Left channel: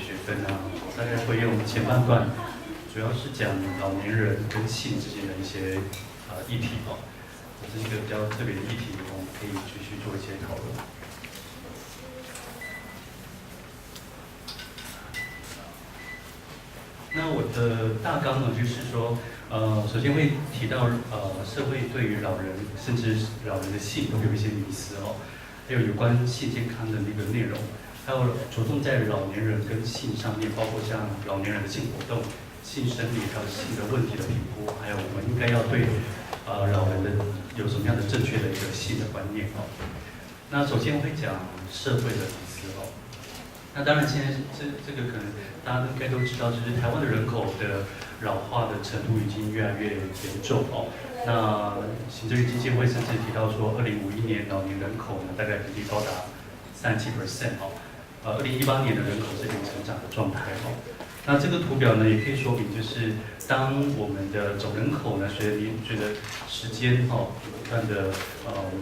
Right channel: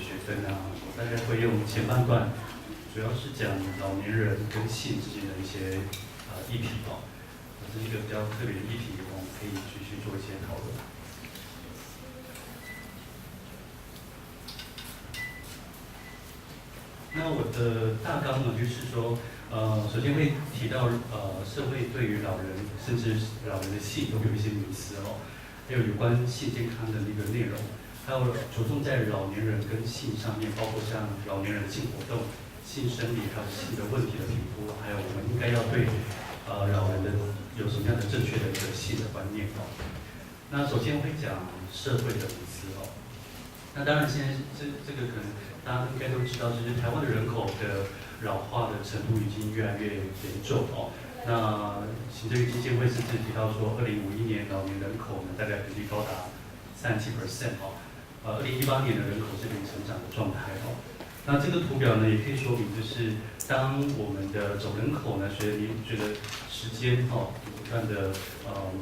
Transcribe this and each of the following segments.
学分啊，我大概会用前半段，主要是讲老年人跟性之间的一些议题哦，这是一个比较特别的议题，我们可以继续做一些讨论。那我的大纲呢，就是说，首先会提到社会对于老人甚至老人的性都有一些迷思哦，还有有关性健康的那个内容，还有着重在老年人跟性上面，包括像老年人的性活动、性生理还有性的问题的评估，还有我们应该要对老人的有什么样的正确的一个性的观念哦。那首先会讲社会的迷思哦。那当然，现在这个可能大家应该都知道，就是台湾的人口的老化的程度已经越来越严重哦。那行政院基金会甚至提到说，2051年老年人口呢大概比例高达37%哦。2018年的人口是零成长的状态哦。那这个图表呢也可以说明，就是当我们的总人口呢随着时间不断的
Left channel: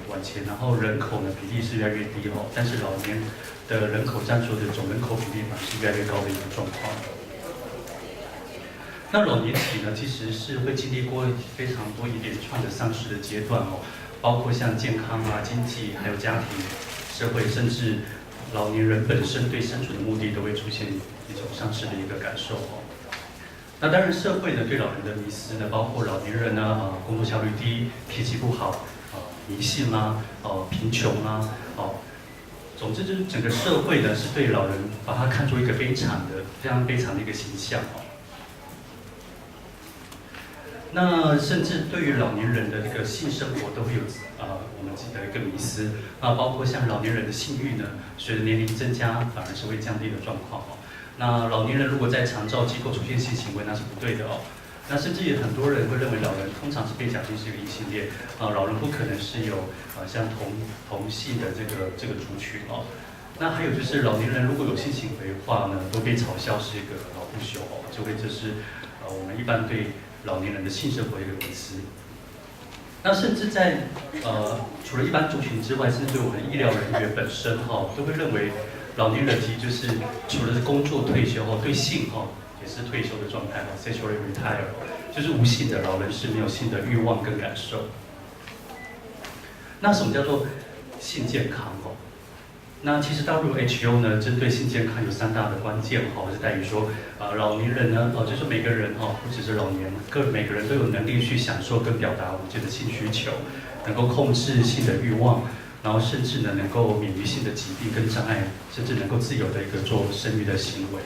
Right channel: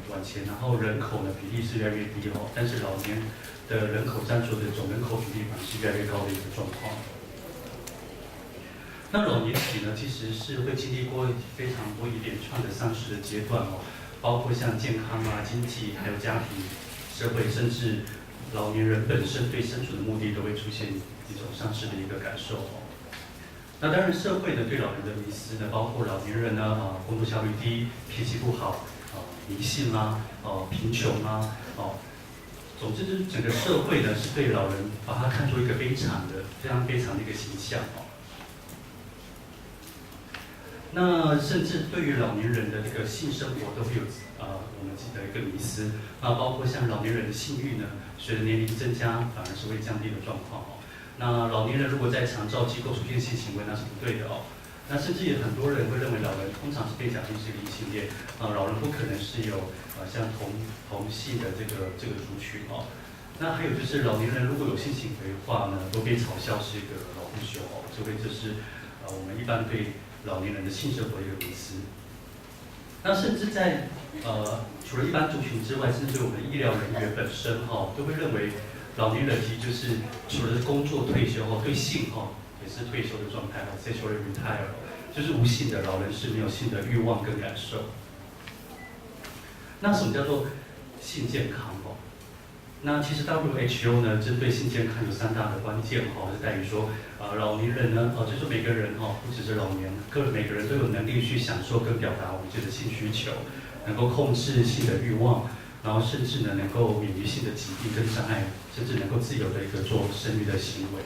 往前，然后人口呢比例是越来越低哦，但是老年的人口占所的总人口比例反而是越来越高的一个状况。那老年期呢，其实是会经历过非常多一连串的丧失的阶段哦，包括像健康啊、经济，还有家庭、社会，甚至老年人本身对生存的目的都会出现一种丧失的一个感受哦。那当然，社会呢对老人的迷思呢，包括老年人呢工作效率低、脾气不好、迷信啦、贫穷啦、总之就是整个社会呢是对老人把他看作一个非常悲惨的一个形象哦。那甚至对于老年人的这个性生活都会有我们自己的一个迷思啊，包括像老年人的性欲呢，随着年龄增加反而是会降低的状况哦。那老年人如果在长照机构出现性行为，那是不对的哦。那甚至也很多人会认为老人通常是被假定是一个异性恋老人不可能是有像同系的这个族群哦。那还有就是老年人如果有性行为的话呢，都被嘲笑是一个老不休哦，这是我们一般对老年人的性生活的一个迷思。那甚至在除了一般族群之外，甚至我们医疗人员本身都会认为老年人其实就是除了工作退休对性也是退休的状态sexually retire， 就是无性的老人是没有性的欲望跟感受。那什么叫做性健康那其实 WHO 呢，针对性健康有3大的关键是在于说，老年人呢，就是每个人不只是老年，每个人都有能力去享受跟表达我们的性需求，能够控制性的欲望，然后甚至呢能够免于性的疾病跟障碍，甚至能够自由的一个做生育的行为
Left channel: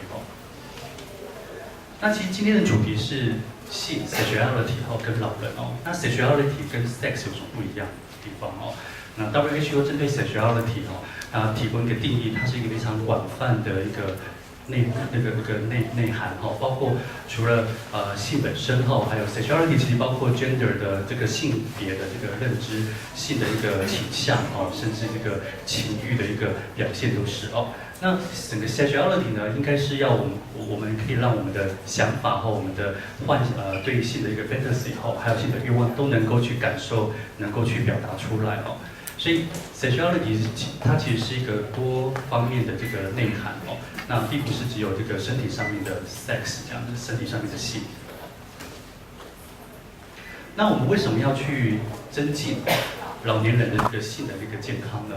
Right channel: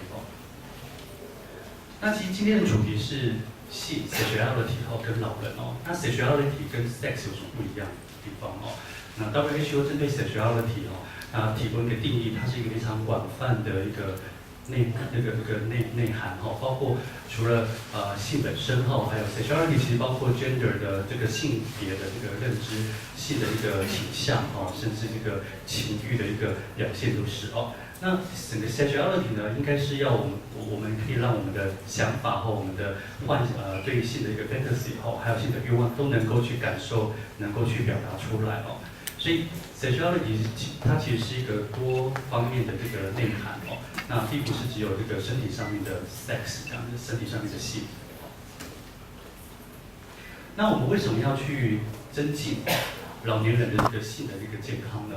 那其实今天的主题是性 sexuality 跟老人那 sexuality 跟 sex 有什么不一样的地方那 WHO 针对 sexuality 它提供一个定义，它是一个非常广泛的一个内涵包括除了性本身还有 sexuality 其实包括 gender 的这个性别的这个认知、性的一个倾向甚至这个情欲的一个表现都是那整个 sexuality 呢，应该是要我们可以让我们的想法我们的对性的一个 fantasy 还有性的欲望都能够去感受，能够去表达出来所以 sexuality 它其实是一个多方面的这个内涵那并不是只有这个身体上面的 sex 这样子，身体上面的性。那我们为什么要去增进老年人的这个性的这个健康呢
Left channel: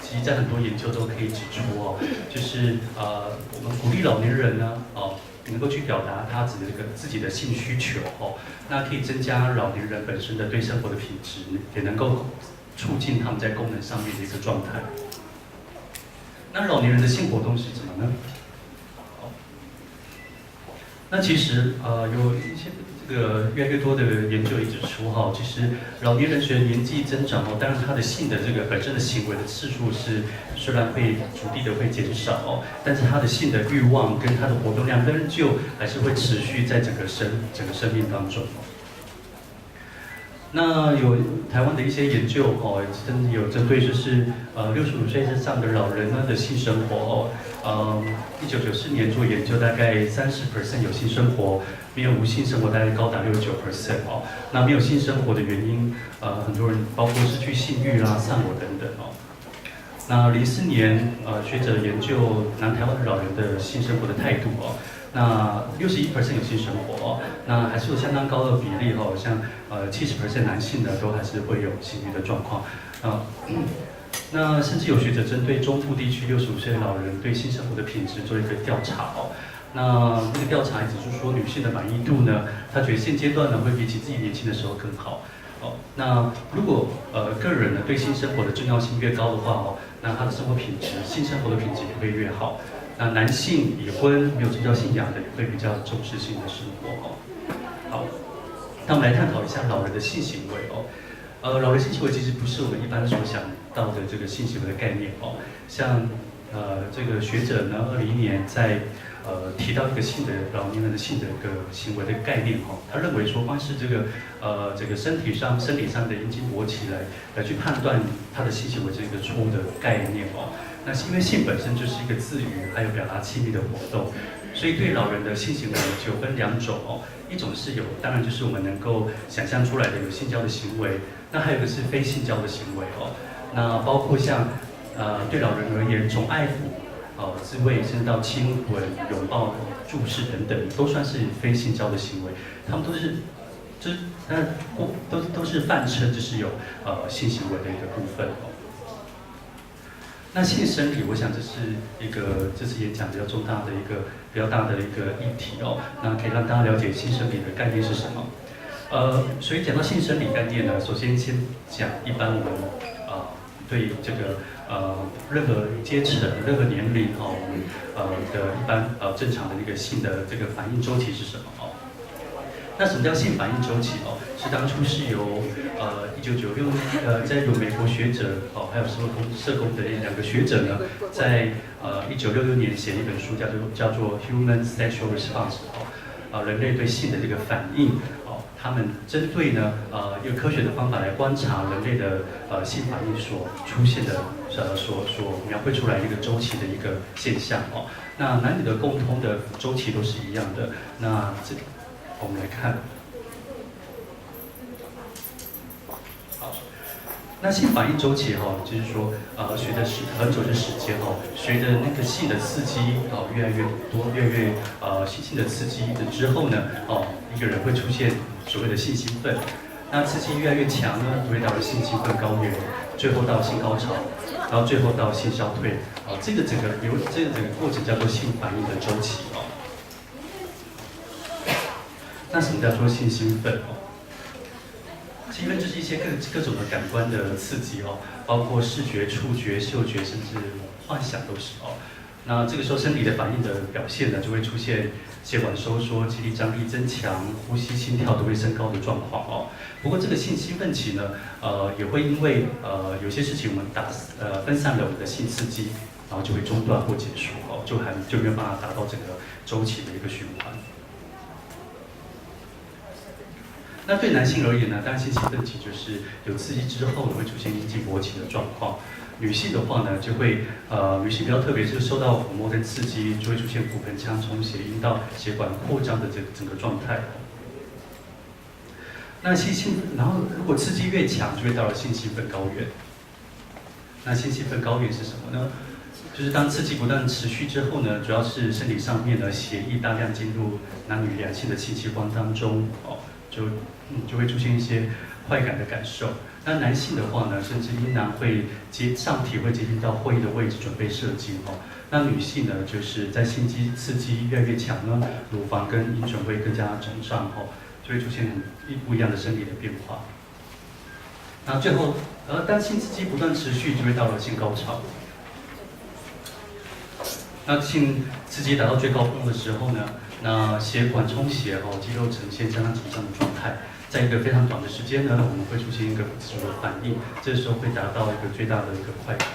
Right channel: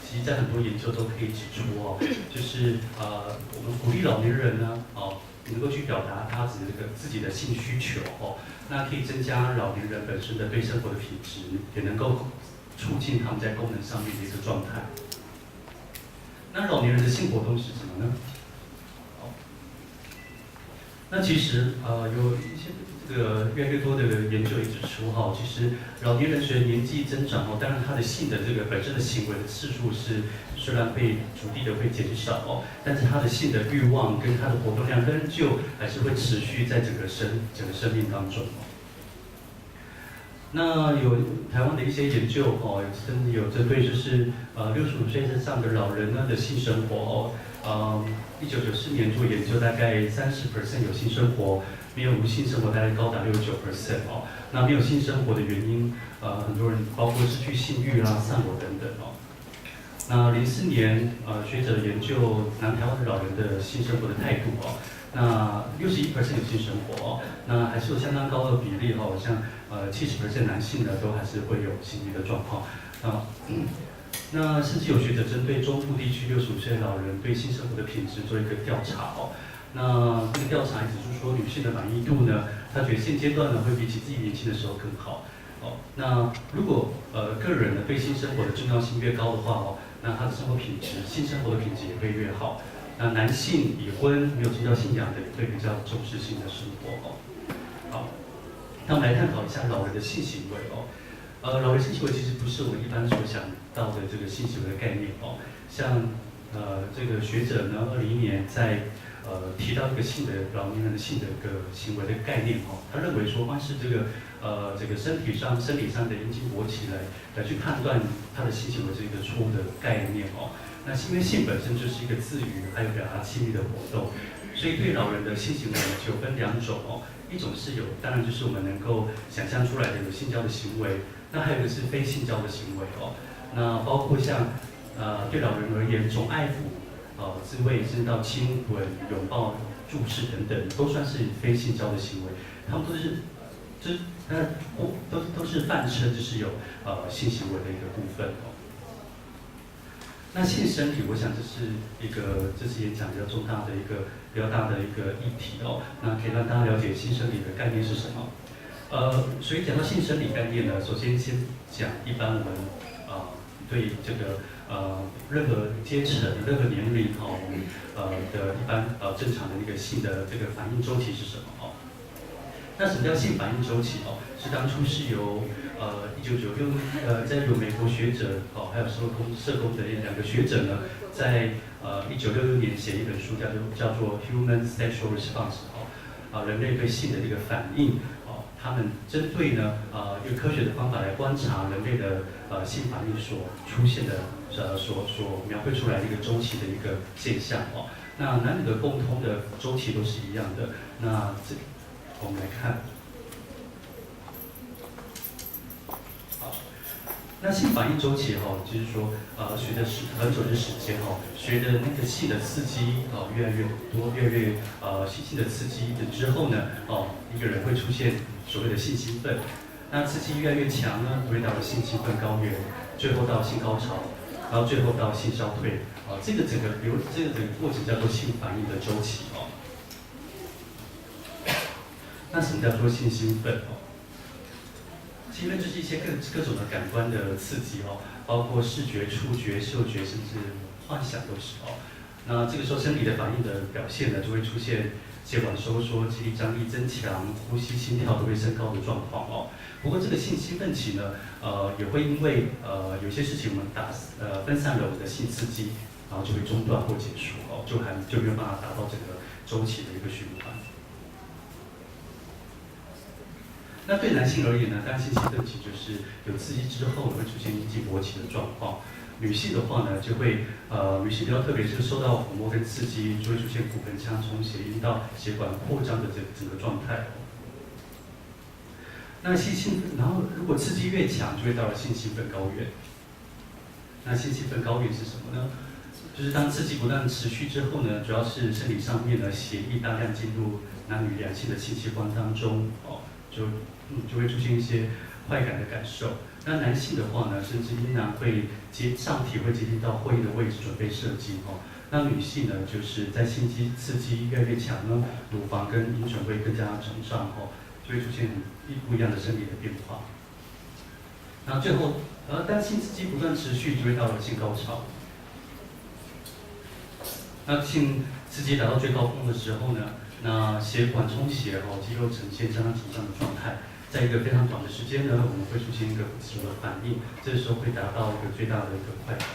其实在很多研究都可以指出就是我们鼓励老年人呢能够去表达他自己的性需求那可以增加老年人本身的对生活的品质，也能够促进他们在功能上面的一个状态。那老年人的性活动是什么呢？那其实有一些这个越来越多的研究也指出其实老年人随着年纪增长当然他的性的这个本身的行为的次数是虽然会逐地的会减少但是他的性的欲望跟他的活动量仍旧还是会持续在整个生命当中那有台湾的一些研究甚至有针对就是65岁以上的老人呢的性生活1994年做研究，大概30% 有性生活，没有无性生活大概高达69%那没有性生活的原因很多人包括失去性欲啦、丧偶等等那04年，学者研究南台湾老人的性生活的态度哦，那61%有性生活哦，那还是有相当高的比例哦，像70%男性的都还是会有性欲的状况那甚至有学者针对中部地区65岁老人对性生活的品质做一个调查哦。那这个调查指出说，女性的满意度呢，她觉得现阶段呢会比起自己年轻的时候更好。哦，那如果个人呢对性生活的重要性越高的话哦，那他的生活品质、性生活的品质也会越好。那男性已婚没有宗教信仰的也会比较重视性的生活哦。好，那我们来探讨一下老人的性行为哦。老人性行为其实不是我们一般所想到的这个性行为的概念哦。像这个学者呢，2001年在提到一个性的老年人的性的一个行为的概念哦，他认为说光是这个身体上生理上的阴茎勃起来去判断他的性行为这个错误的概念哦。那是因为性本身就是一个自娱还有表达亲密的活动，所以对老人的性行为就分2种哦，一种是有，当然就是我们能够想象出来的有性交的行为，那还有一个是非性交的行为哦。那包括像对老人而言，从爱抚自慰，甚至到亲吻、拥抱、注视等等，都算是非性交的行为。他们都是，都是泛称就是有性行为的一个部分哦。那性生理，我想这是一个这次演讲比较重大的一个比较大的一个议题哦。那可以让大家了解性生理的概念是什么。所以讲到性生理概念呢，首先讲一般我们对这个任何阶层、任何年龄的一般正常的一个性的这个反应周期是什么哦？那什么叫性反应周期哦？是当初是由1996在由美国学者还有社工的2个学者呢，在1966年写一本书叫做《Human Sexual Response》人类对性的这个反应他们针对呢用科学的方法来观察人类的性反应所出现的所描绘出来的一个周期的一个现象哦。那男女的共通的周期都是一样的。那我们来看，好，那性反应周期就是说随着很久的时间随着那个性的刺激越来越多，越来越性的刺激的之后呢一个人会出现所谓的性兴奋，那刺激越来越强呢，就会到了性兴奋高原，最后到性高潮，然后最后到性消退这个整个过程叫做性反应的周期哦。那什么叫做性兴奋兴奋就是一些各种的感官的刺激包括视觉、触觉、嗅觉，甚至幻想都是那这个时候身体的反应的表现呢，就会出现血管收缩、肌力张力增强、呼吸、心跳都会升高的状况不过这个性兴奋期呢，也会因为有些事情我们分散了我们的性刺激，然后就会中断或结束就没有办法达到整个周期的一个循环。那对男性而言呢，当然性兴奋期就是有刺激之后会出现阴茎勃起的状况。女性的话呢，就会女性比较特别，是受到抚摸跟刺激，就会出现骨盆腔充血、阴道血管扩张的这个整个状态那然后如果刺激越强，就会到了性兴奋高原。那性兴奋高原是什么呢？就是当刺激不断持续之后呢，主要是生理上面的血液大量进入男女两性的性器官当中就会出现一些快感的感受。那男性的话呢，甚至阴囊会上体会接近到会阴的位置，准备射精那女性呢，就是在性刺激越来越强呢，乳房跟阴唇会更加肿胀就会出现不一样的生理的变化。那最后，当性刺激不断持续，就会到了性高潮。那性刺激达到最高峰的时候呢，那血管充血肌肉呈现相当紧张的状态，在一个非常短的时间呢，我们会出现一个自主的反应，这时候会达到一个最大的一个快感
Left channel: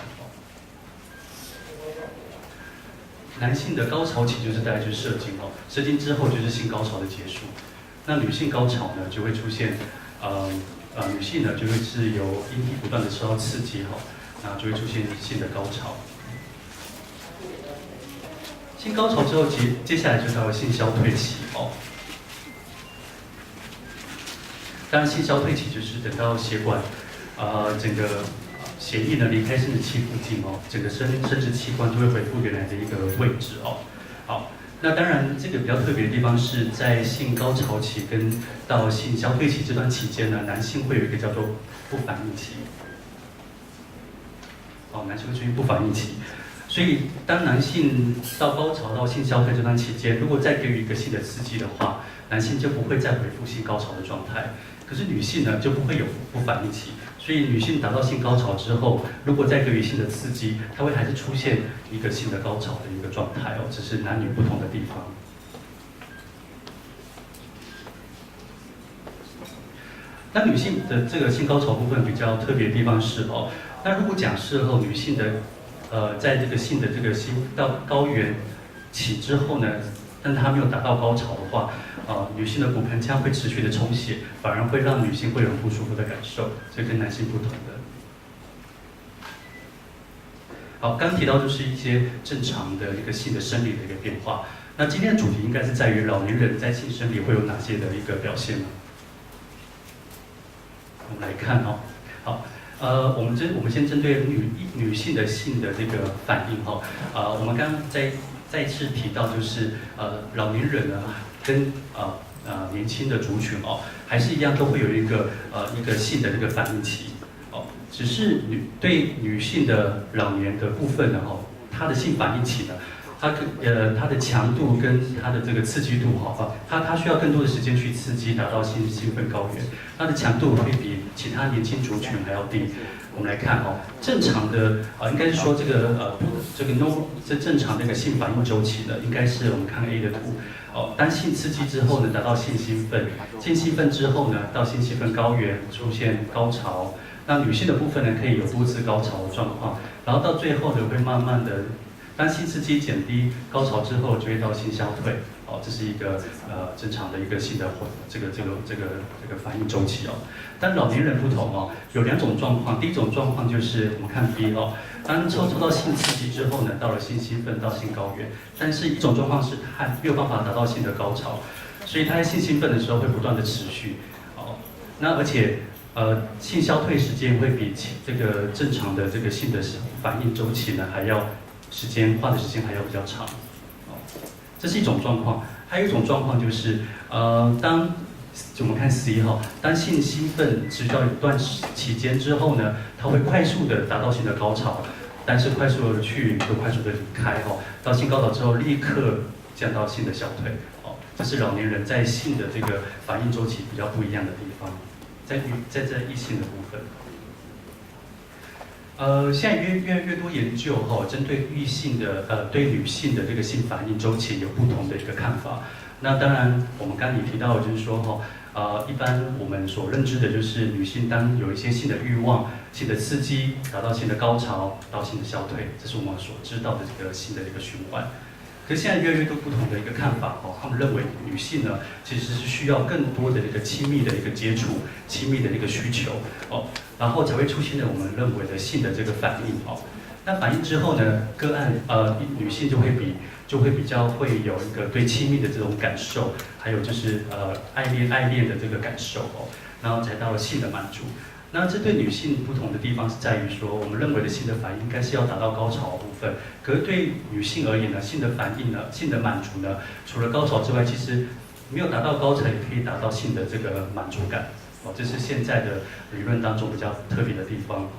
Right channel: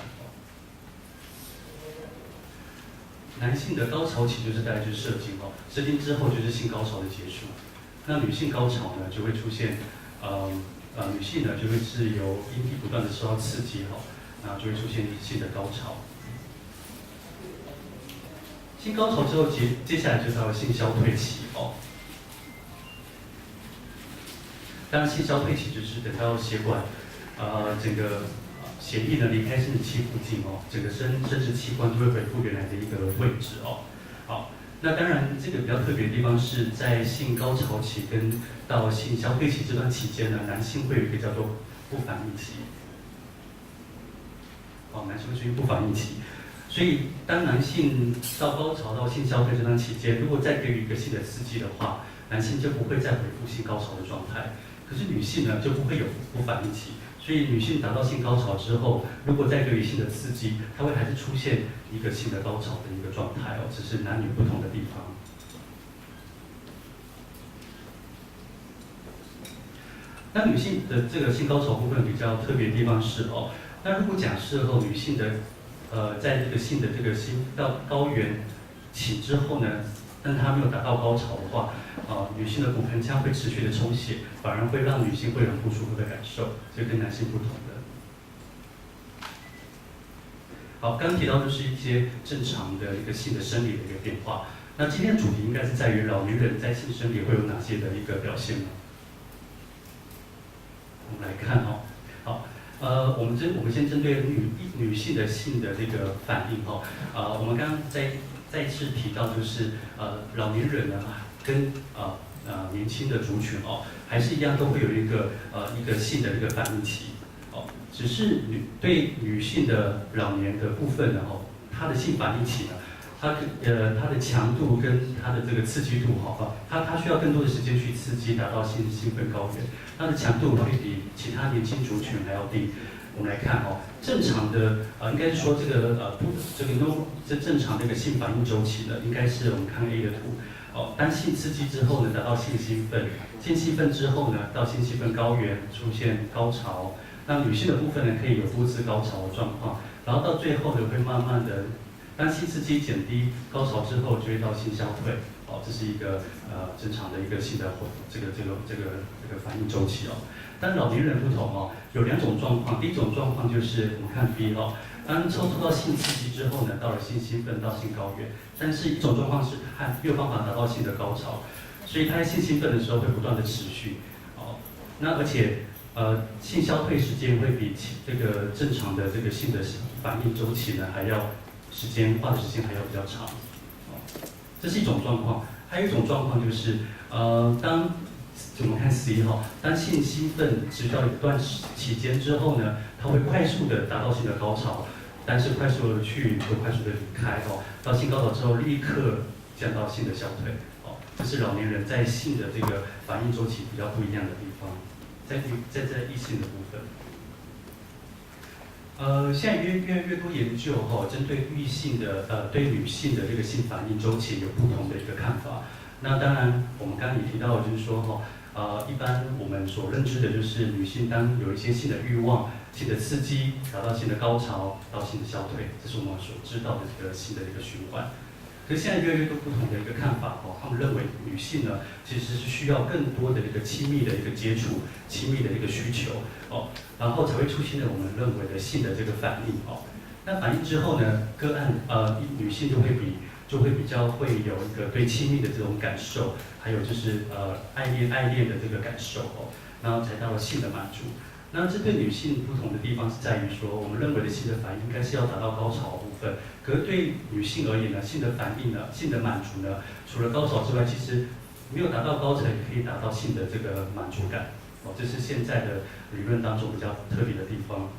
男性的高潮期就是大概就是射精射精之后就是性高潮的结束。那女性高潮呢，就会出现女性呢就会是由阴蒂不断的受到刺激那就会出现性的高潮。性高潮之后，接下来就到了性消退期当然，性消退期就是等到血管整个血液呢离开生殖器附近哦，整个生殖器官都会恢复原来的一个位置哦。好，那当然这个比较特别的地方是在性高潮期跟到性消退期这段期间呢，男性会有一个叫做不反应期。男性会出现不反应期，所以当男性到高潮到性消退这段期间，如果再给予一个性的刺激的话，男性就不会再恢复性高潮的状态。可是女性呢就不会有不反应期，所以女性达到性高潮之后，如果再给予性的刺激，它会还是出现一个性的高潮的一个状态哦，只是男女不同的地方。那女性的这个性高潮部分比较特别的地方是哦。那如果假设后女性的，在这个性的这个性到高原期之后呢，但她没有达到高潮的话，女性的骨盆腔会持续的充血，反而会让女性会有不舒服的感受，这跟男性不同的。好，刚刚提到就是一些正常的一个性的生理的一个变化。那今天的主题应该是在于老年人在性生理会有哪些的一个表现呢？我们来看哦，好。我们先针对女性的性的这个反应哈，我们刚刚再次提到就是老年人呢跟年轻的族群哦，还是一样都会有一个性的这个反应期哦，只是对女性的老年的部分呢哦，她的性反应期呢，它的强度跟它的这个刺激度哈，它需要更多的时间去刺激，达到兴奋高原。它的强度会比其他年轻族群还要低。我们来看哦，正常的应该是说这正常的一个性反应周期呢，应该是我们看 A 的图哦，当性刺激之后呢，达到性兴奋，性兴奋之后呢，到性兴奋高原出现高潮。那女性的部分呢，可以有多次高潮的状况，然后到最后呢，会慢慢的。当性刺激减低，高潮之后就会到性消退，哦，这是一个正常的一个性的这个反应周期哦。但老年人不同哦，有两种状况。第一种状况就是我们看 B 哦，当抽到性刺激之后呢，到了性兴奋到性高原，但是一种状况是他没有办法达到性的高潮，所以他在性兴奋的时候会不断的持续哦。那而且性消退时间会比这个正常的这个性的反应周期呢还要。花的时间还要比较长，哦，这是一种状况。还有一种状况就是，当我们看11号，当性兴奋持续到一段期间之后呢，它会快速的达到性的高潮，但是快速的去又快速的离开哦，到性高潮之后立刻降到性的消退，哦，这是老年人在性的这个反应周期比较不一样的地方，在异性的部分。现在越来越多研究哈，针对异性的对女性的这个性反应周期有不同的一个看法。那当然，我们刚刚也提到，就是说哈，一般我们所认知的就是女性当有一些性的欲望、性的刺激，达到性的高潮，到性的消退，这是我们所知道的这个性的一个循环。可是现在越来越多不同的一个看法哦，他们认为女性呢其实是需要更多的一个亲密的一个接触、亲密的一个需求哦，然后才会出现了我们认为的性的这个反应哦。那反应之后呢，个案女性就会比较会有一个对亲密的这种感受，还有就是爱恋的这个感受哦，然后才到了性的满足。那这对女性不同的地方是在于说，我们认为的性的反应应该是要达到高潮的部分，可是对女性而言呢，性的反应呢，性的满足呢，除了高潮之外，其实没有达到高潮也可以达到性的这个满足感，哦，这是现在的理论当中比较特别的地方哦。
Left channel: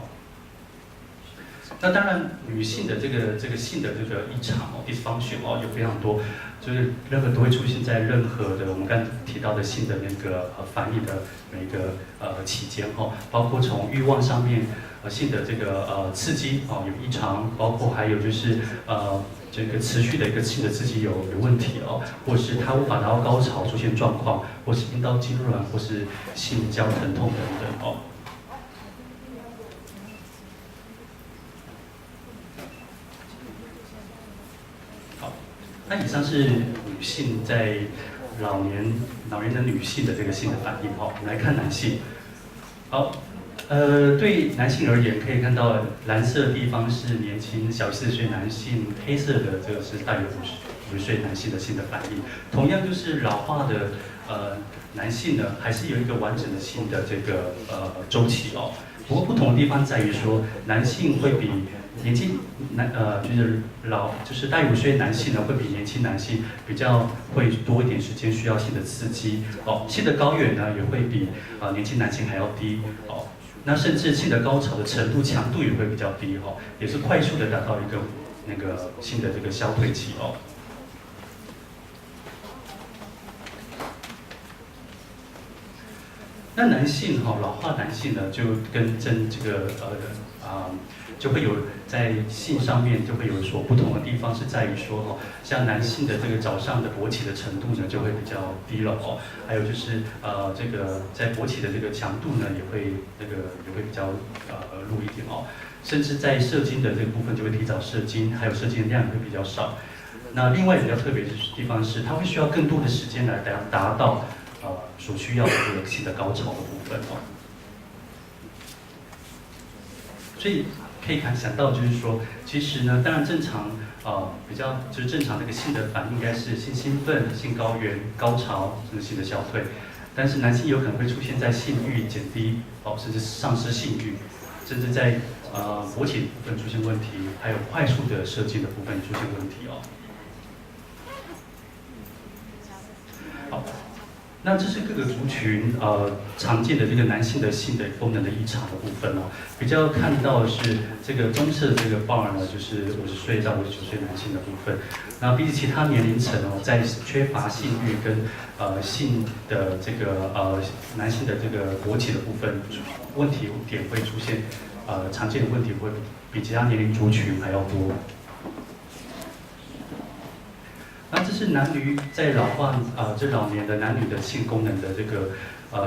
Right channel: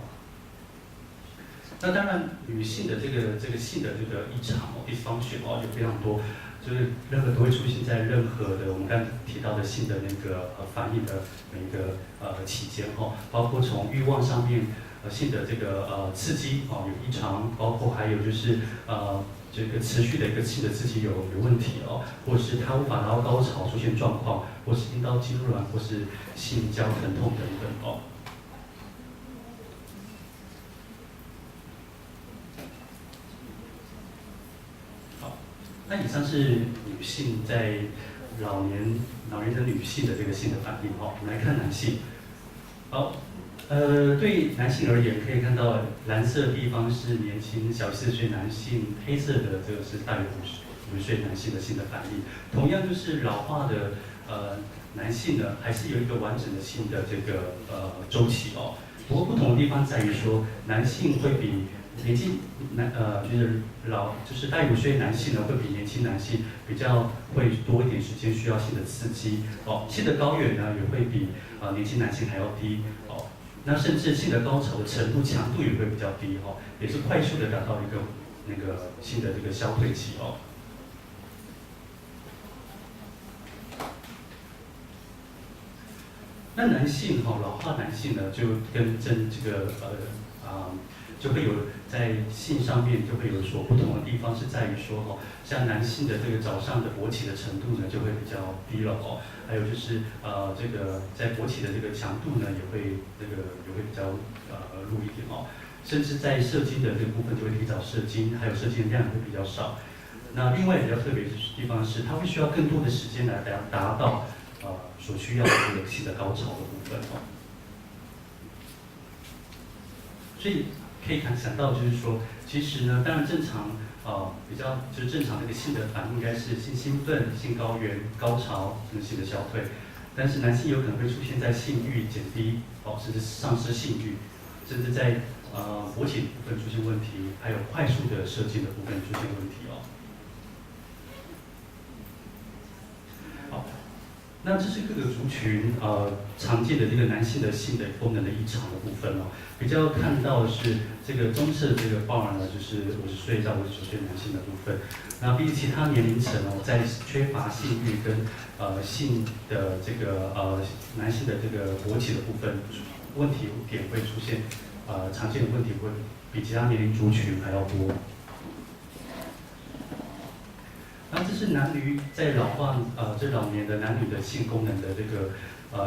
那当然，女性的这个性的这个异常哦 ，dysfunction 哦，有非常多，就是任何都会出现在任何的我们刚才提到的性的那个反应的每个期间哦，包括从欲望上面性的这个刺激哦有异常，包括还有就是这个持续的一个性的刺激有问题哦，或是它无法达到高潮出现状况，或是阴道痉挛，或是性交疼痛等等哦。那以上是女性在老年的女性的这个性的反应哦。我们来看男性，好，对男性而言，可以看到蓝色的地方是年轻小40岁男性，黑色的这个是大约50岁男性的性的反应。同样就是老化的男性呢，还是有一个完整的性的这个周期哦。不过不同的地方在于说，男性会比年轻就是大于50岁男性呢，会比年轻男性比较会多一点时间需要性的刺激哦，性的高原呢也会比年轻男性还要低哦，那甚至性的高潮的程度强度也会比较低哦，也是快速的达到一个那个性的这个消退期哦。那男性老化男性呢，就跟就会有在性上面就会有所不同的地方，是在于说像男性的这个早上的勃起的程度呢就会比较低了哦，还有就是这个在勃起的这个强度呢也会比较弱一点哦，甚至在射精的这个部分就会提早射精，还有射精的量也会比较少。那另外比较特别的地方是，它会需要更多的时间来达到所需要的这个性的高潮的部分哦。所以可以想到就是说，其实呢，当然正常比较就是正常的一个性的反应应该是性兴奋、性高原、高潮，甚至性的消退。但是男性有可能会出现在性欲减低甚至丧失性欲，甚至在勃起的部分出现问题，还有快速的射精的部分出现问题哦。好，那这是各个族群常见的这个男性的性的功能的异常的部分哦。比较看到的是这个棕色这个 bar 呢，就是50岁到59岁男性的部分。那比起其他年龄层在缺乏性欲跟性的这个男性的这个勃起的部分，问题点会出现常见的问题会比其他年龄族群还要多。那这是男女在老化这老年的男女的性功能的这个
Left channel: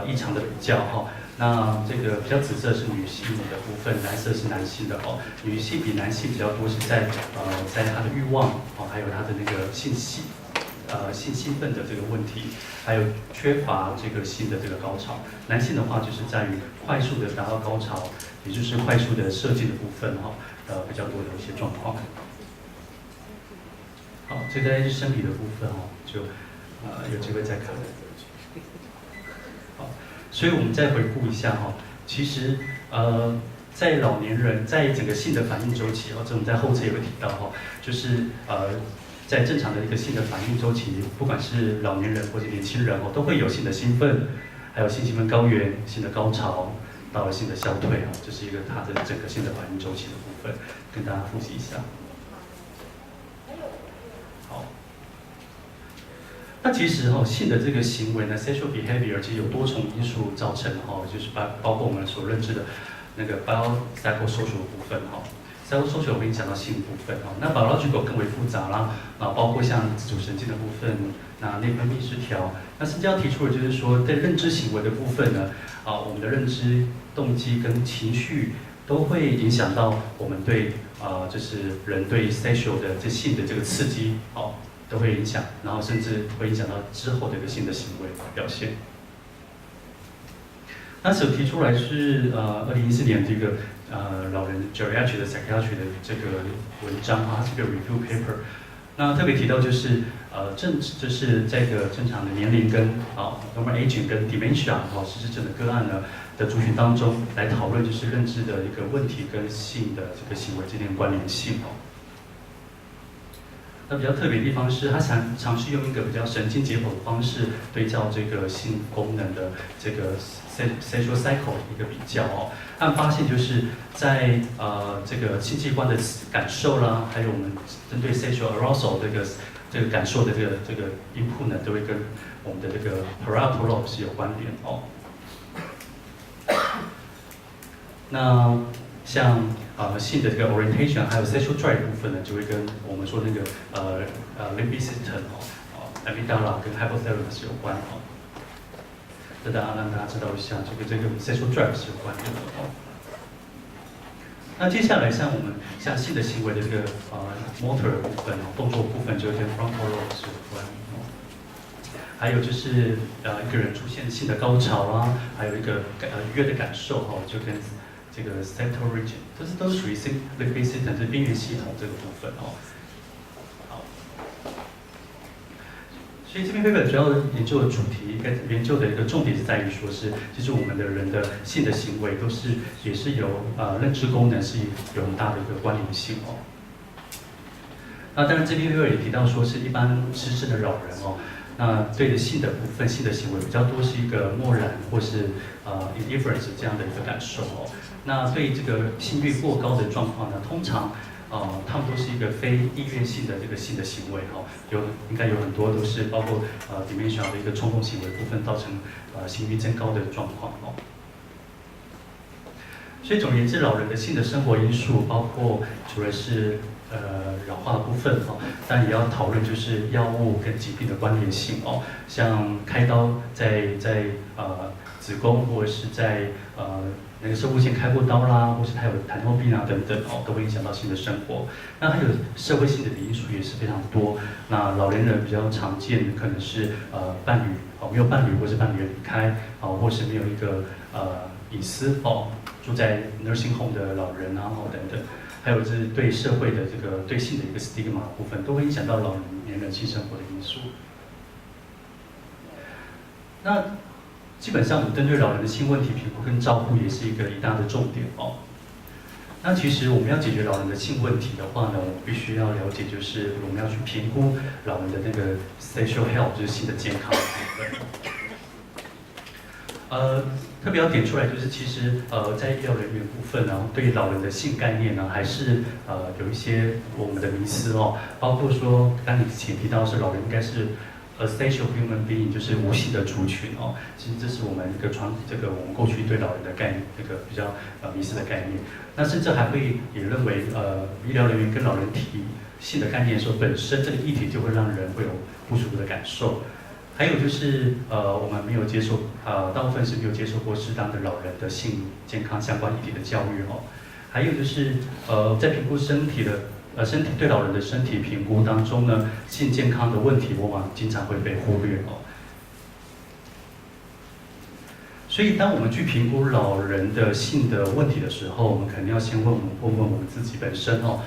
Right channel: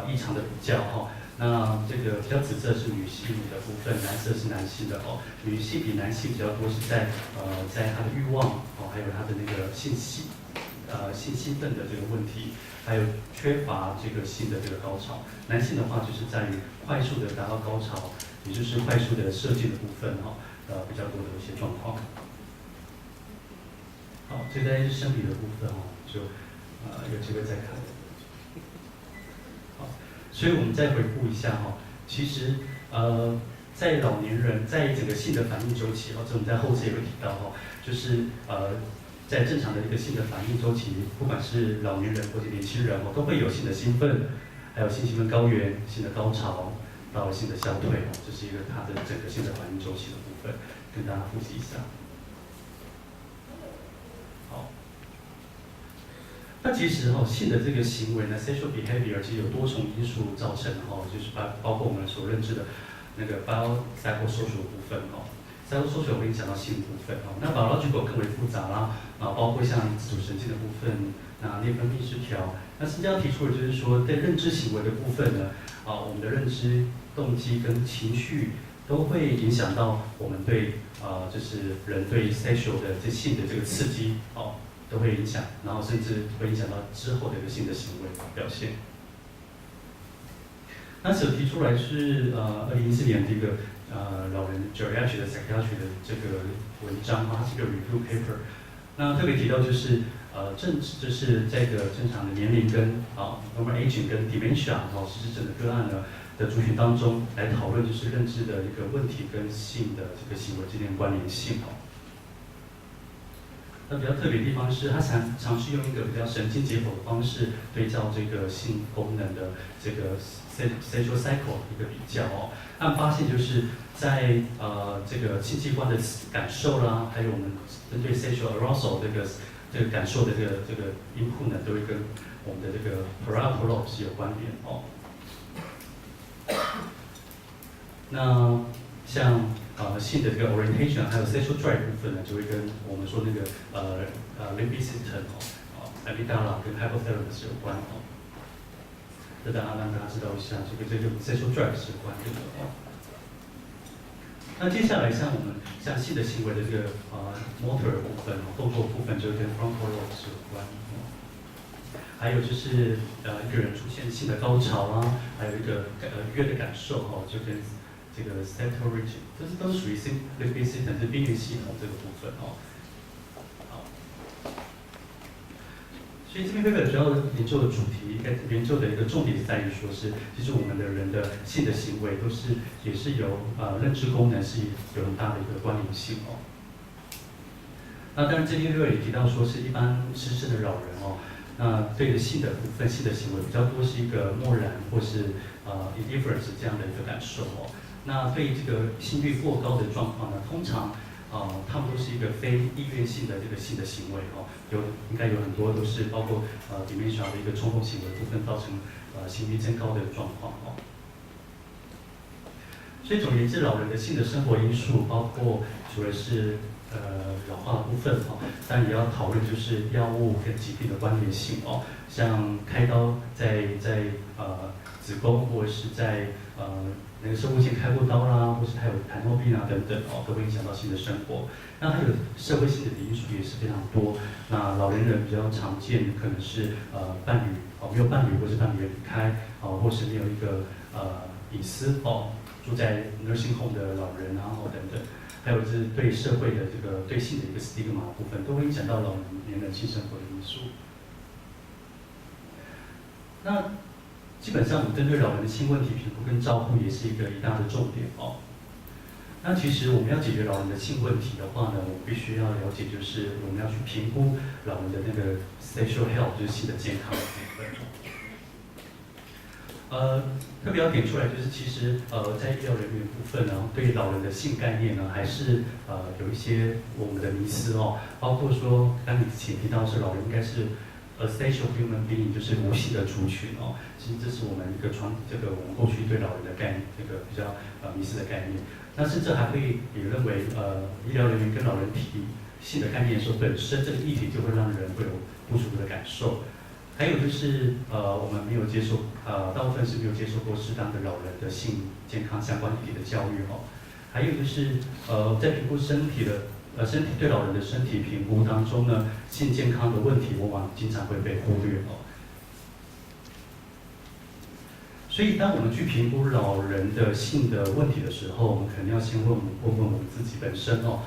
异常的比较哈。那这个比较紫色是女性的部分，蓝色是男性的哦。女性比男性比较多是在她的欲望还有她的那个性兴奋的这个问题，还有缺乏这个性的这个高潮。男性的话就是在于快速的达到高潮，也就是快速的射精的部分比较多的一些状况。好，这大概是生理的部分就有机会再看。好，所以我们再回顾一下其实在老年人在整个性的反应周期这我们在后侧也会提到就是在正常的一个性的反应周期，不管是老年人或者年轻人都会有性的兴奋，还有性兴奋高原、性的高潮到了性的消退这是一个它的整个性的反应周期的部分，跟大家复习一下。那其实性的这个行为呢 ，sexual behavior 其实有多重因素造成就是包括我们所认知的那个 biopsychosocial 部分psychosocial 我跟你讲到性部分那 biological 更为复杂啦包括像自主神经的部分，那内分泌失调，那甚至要提出的就是说，在认知行为的部分呢我们的认知、动机跟情绪都会影响到我们对就是人对 sexual 的性的这个刺激都会影响，然后甚至会影响到之后的一个性的行为表现。那所提出来是2014年这个老人 geriatric 的 psychiatry 的这个文章它是个 review paper。那特别提到就是就是这个正常的年龄跟normal aging 跟 dementia 失智症的个案呢的族群当中来讨论就是认知的一个问题跟性的这个行为之间的关联性那比较特别的地方是，他尝试用一个比较神经解剖的方式对照这个性功能的这个 sexual cycle 一个比较他们发现就是在这个性器官的感受啦，还有我们针对 sexual arousal 这个感受的这个 input 呢，都会跟我们的这个 parietal 是有关联那像性的这个 orientation 还有 sexual drive 部分呢，就会跟我们说那个limbic system amygdala 跟 hypothalamus 有关这大家让大家知道一下，这个 sexual drive 是有关的那接下来像我们像性的行为的这个motor 部分动作部分就跟 frontal lobe 是有关还有就是一个人出现性的高潮啦，还有一个愉悦的感受就跟这个 central region， 这都是属于 limbic system， 是边缘系统这个部分好，所以这篇 paper 主要研究的主题，研究的一个重点是在于说是，其实我们的人的性的行为都是也是有认知功能是有很大的一个关联性哦。那当然这篇 paper 也提到说是一般失智的老人哦，那对着性的部分、性的行为比较多是一个漠然或是indifference 这样的一个感受哦。那对于这个性欲过高的状况呢，通常他们都是一个非意愿性的这个性的行为哦，应该有很多都是包括dementia 的一个冲动行为部分造成性欲增高的状况哦。所以总而言之，老人的性的生活因素包括除了是老化的部分哦，但也要讨论就是药物跟疾病的关联性哦，像开刀在子宫或者是在那个射护腺开过刀啦，或是他有痰尿病啊等等哦，都会影响到性的生活。那还有社会性的因素也是非常多。那老年人比较常见的可能是伴侣没有伴侣或是伴侣离开或是没有一个隐私住在 nursing home 的老人啊等等。还有就是对社会的这个对性的一个 stigma 部分，都会影响到老年人性生活的因素。那基本上，我们针对老人的性问题评估跟照顾也是一大的重点哦。那其实我们要解决老人的性问题的话呢，我们必须要了解，就是我们要去评估老人的那个 sexual health， 就是性的健康的部分。特别要点出来，就是其实在医疗人员部分呢，对于老人的性概念呢，还是有一些我们的迷思哦，包括说刚你之前提到是老人应该是asexual human being， 就是无性的族群哦。其实这是我们一个我们过去对老人的概念，这个比较迷思的概念。那甚至还会也认为医疗人员跟老人提性的概念的时候，本身这个议题就会让人会有不舒服的感受。还有就是我们没有接受大部分是没有接受过适当的老人的性健康相关议题的教育哦。还有就是在评估身体对老人的身体评估当中呢，性健康的问题往往经常会被忽略哦。所以当我们去评估老人的性的问题的时候，我们肯定要先问我们自己本身哦。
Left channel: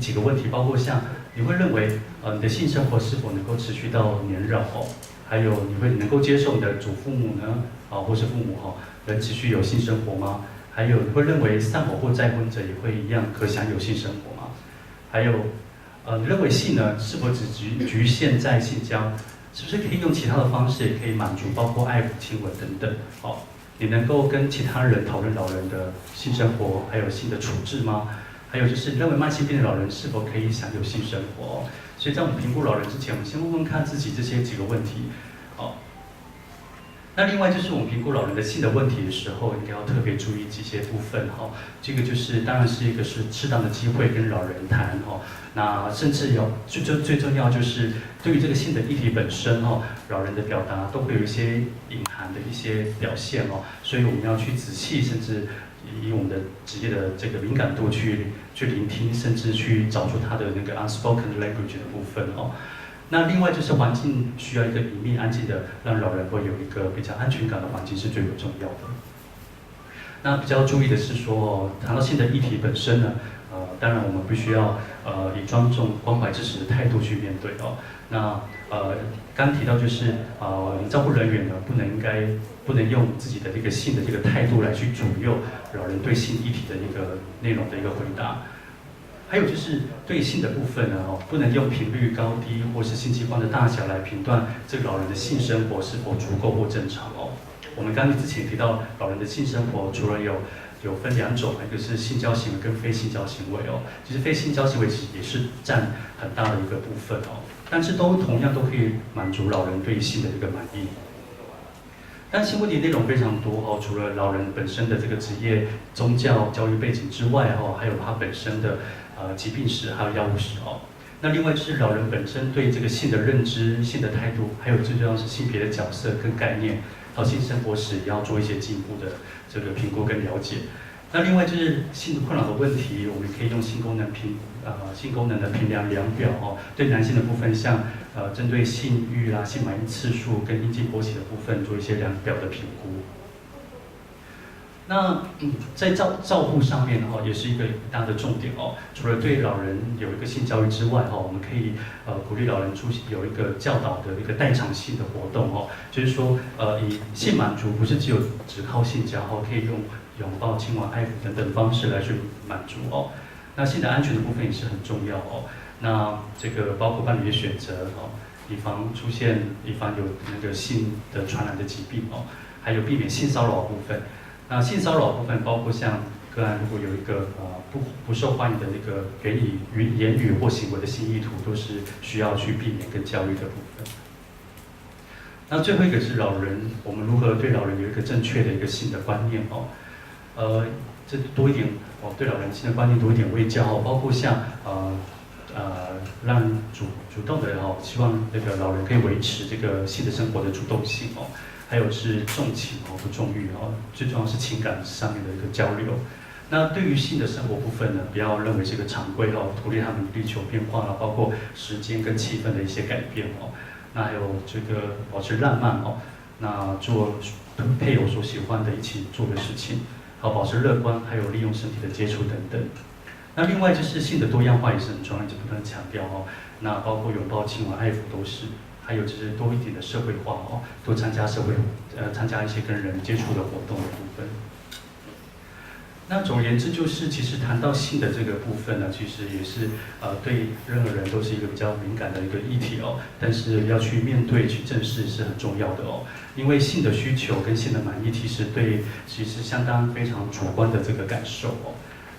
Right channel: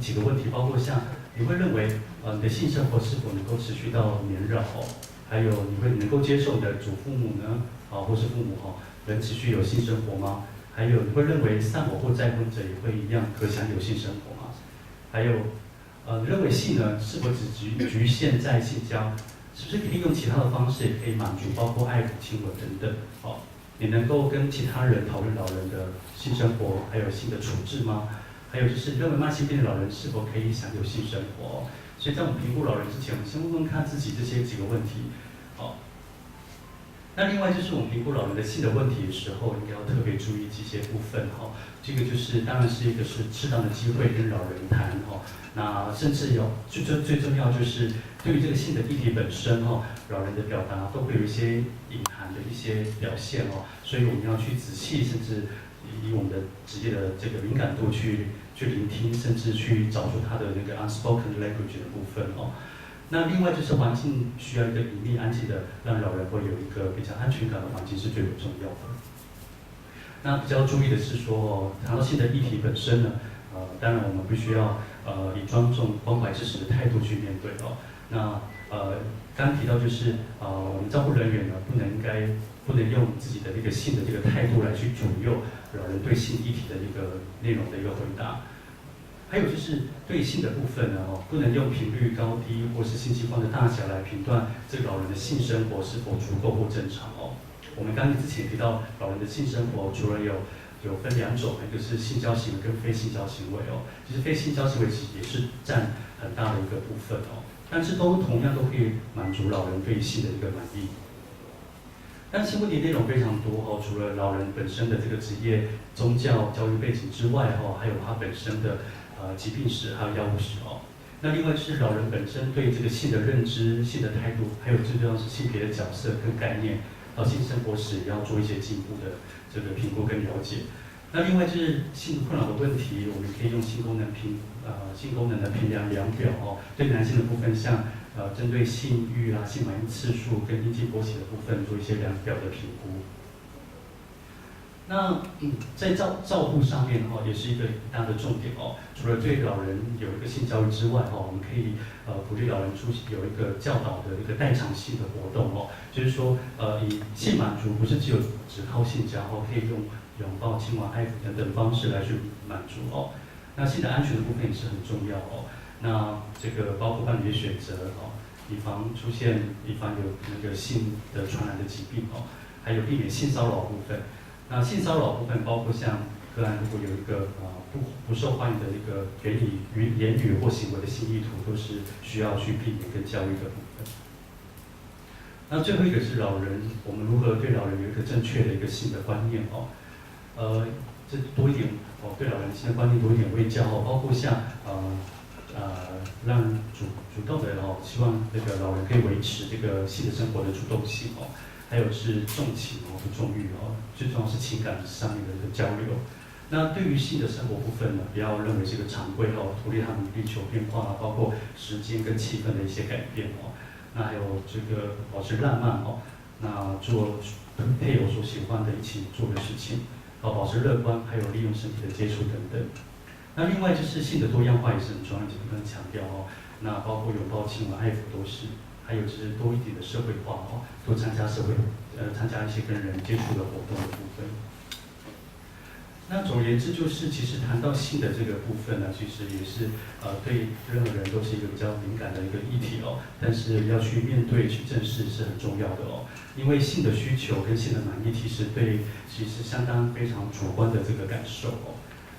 几个问题，包括像你会认为你的性生活是否能够持续到年老哦？还有你会能够接受你的祖父母呢或是父母能持续有性生活吗？还有你会认为丧偶或再婚者也会一样可享有性生活吗？还有你认为性呢是否只局限在性交？是不是可以用其他的方式也可以满足，包括爱抚、亲吻等等你能够跟其他人讨论老人的性生活，还有性的处置吗？还有就是认为慢性病的老人是否可以享有性生活所以在我们评估老人之前，我们先问问看自己这几个问题那另外就是我们评估老人的性的问题的时候，应该要特别注意几些部分这个就是当然是一个是适当的机会跟老人谈那甚至最重要就是对于这个性的议题本身老人的表达都会有一些隐含的一些表现所以我们要去仔细，甚至以我们的职业的这个敏感度去聆听，甚至去找出他的那个 unspoken language 的部分那另外就是环境需要一个隐秘安静的，让老人会有一个比较安全感的环境是最为重要的。那比较注意的是说，谈到性的议题本身呢，当然我们必须要以庄重、关怀、支持的态度去面对那刚提到就是我们照顾人员呢，不能用自己的这个性的这个态度来去左右老人对性议题的一个内容的一个回答。还有就是对性的部分呢，不能用频率高低或是性器官的大小来评断这个老人的性生活是否足够或正常我们刚才之前提到，老人的性生活除了有分两种，一个是性交行为跟非性交行为其实非性交行为其实也是占很大的一个部分但是同样都可以满足老人对性的一个满意。但性问题内容非常多除了老人本身的这个职业、宗教、教育背景之外还有他本身的疾病史还有药物史那另外就是老人本身对这个性的认知、性的态度，还有最重要是性别的角色跟概念，到性生活时也要做一些进一步的这个评估跟了解。那另外就是性困扰的问题，我们可以用性功能的评量量表对男性的部分像针对性欲啦、性满意次数跟阴茎勃起的部分做一些量表的评估。那在照护上面哦，也是一个大的重点哦。除了对老人有一个性教育之外哦，我们可以鼓励老人出席有一个教导的一个代偿性的活动哦，就是说以性满足不是只靠性交哦，可以用拥抱、亲吻、爱抚等等方式来去满足哦。那性的安全的部分也是很重要哦。那这个包括伴侣的选择哦，以防有那个性的传染的疾病哦，还有避免性骚扰部分。那性骚扰部分包括像个案如果有一个不受欢迎的那个给你言语或行为的性意图，都是需要去避免跟教育的部分。那最后一个是老人，我们如何对老人有一个正确的一个性的观念哦？这多一点哦，对老人性的观念多一点卫教哦，包括像让主动的哦，希望那个老人可以维持这个性的生活的主动性哦。还有是重情哦，不重欲哦，最重要是情感上面的一个交流。那对于性的生活部分呢，不要认为是一个常规哦，鼓励他们力求变化啊，包括时间跟气氛的一些改变哦。那还有这个保持浪漫哦，那做配偶所喜欢的一起做的事情，好保持乐观，还有利用身体的接触等等。那另外就是性的多样化也是很重要，就不断强调哦。那包括拥抱、亲吻、爱抚都是。还有就是多一点的社会化哦，多参加参加一些跟人接触的活动的部分。那总而言之，就是其实谈到性的这个部分呢，其实也是对任何人都是一个比较敏感的一个议题哦。但是要去面对、去正视是很重要的哦。因为性的需求跟性的满意，其实相当非常主观的这个感受哦。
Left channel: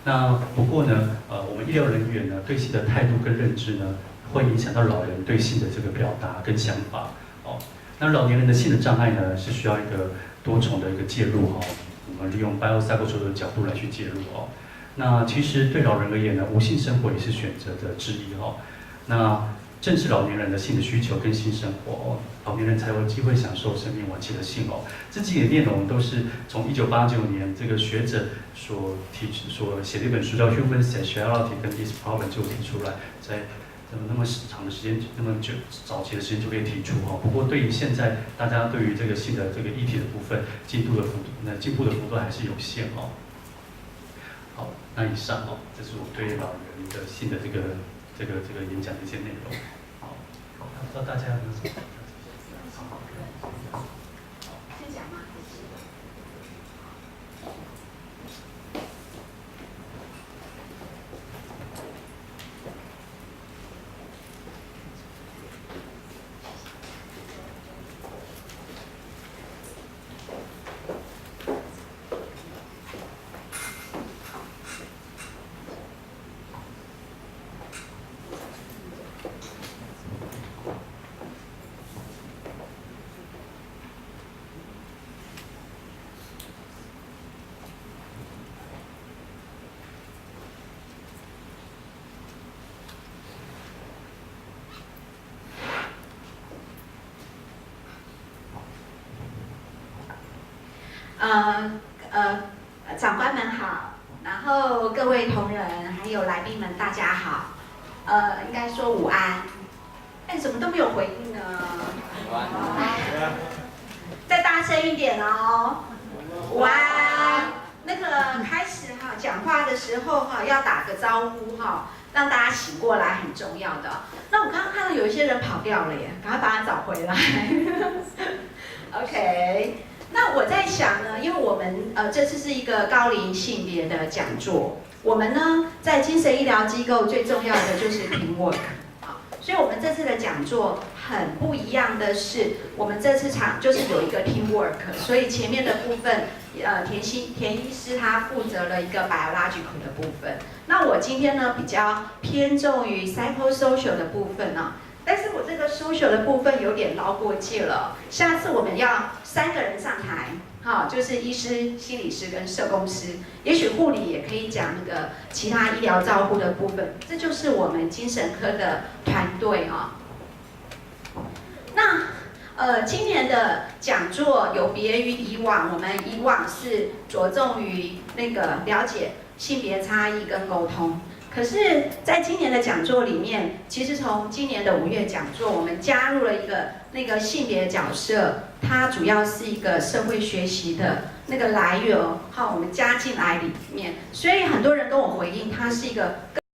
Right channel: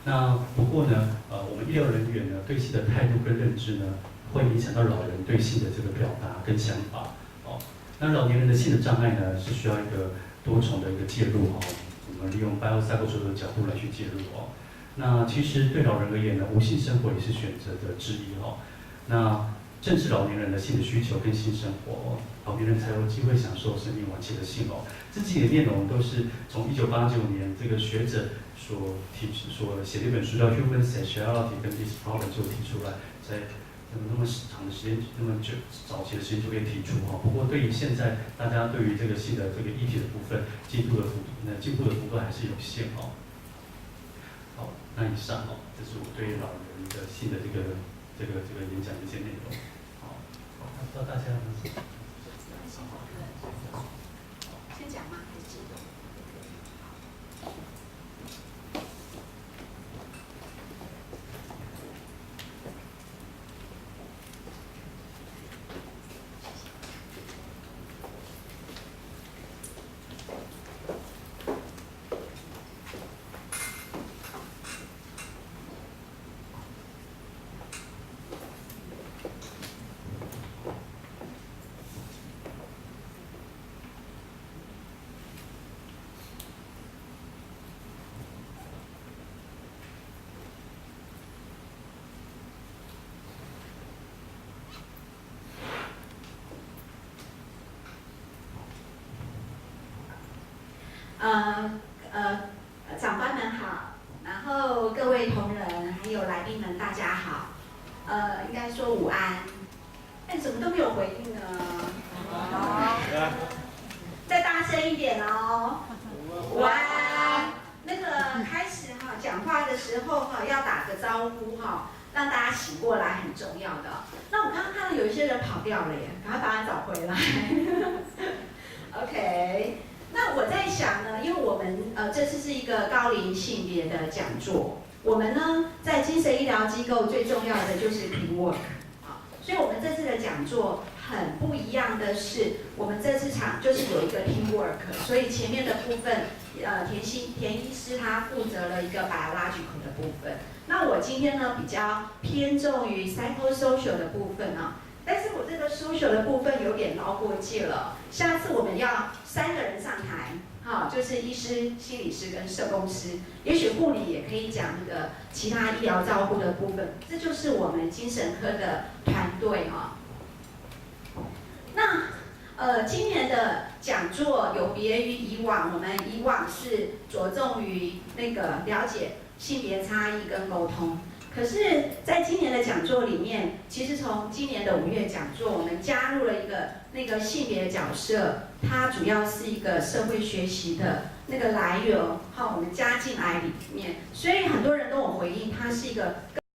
那不过呢，我们医疗人员呢对性的态度跟认知呢，会影响到老人对性的这个表达跟想法哦。那老年人的性的障碍呢，是需要一个多重的一个介入哦。我们利用 biopsychosocial 的角度来去介入哦。那其实对老人而言呢，无性生活也是选择的之一哦。那正是老年人的性的需求跟性生活哦，老年人才有机会享受生命晚期的性哦。这几个内容都是从1989年这个学者所写的一本书叫《Human Sexuality 跟 This Problem》就提出来，在那么长的时间，那么就早期的时间就可以提出哈。不过对于现在大家对于这个性的这个议题的部分，进步的幅度还是有限哦。好，那以上哦，这是我对老人的性的这个演讲的一些内容。好，不知道大家有没有什么？先讲吗？还是？长官们好，然后各位同仁还有来宾们大家好，应该说午安，但怎么都没有回应呢？再大声一点哦，午安。那个开始哈讲话的时候哈要打个招呼哈，让大家醒过来很重要的。那我刚刚看到有一些人跑掉了耶，赶快把他找回来。OK。那我在想呢，因为我们这次是一个高龄性别的讲座，我们呢在精神医疗机构最重要的就是 teamwork 啊，所以我们这次的讲座很不一样的是，我们这次就是有一个 teamwork， 所以前面的部分田医师他负责了一个 biological 的部分，那我今天呢比较偏重于 psychosocial 的部分呢。但是我这个 social 的部分有点捞过界了，下次我们要3个人上台，好，就是医师、心理师跟社工师，也许护理也可以讲那个其他医疗照护的部分，这就是我们精神科的团队啊。那今年的讲座有别于以往，我们以往是着重于那个了解性别差异跟沟通。可是，在今年的讲座里面，其实从今年的5月讲座，我们加入了一个那个性别角色，它主要是一个社会学习的那个来源，好，我们加进来里面，所以很多人跟我回应，它是一个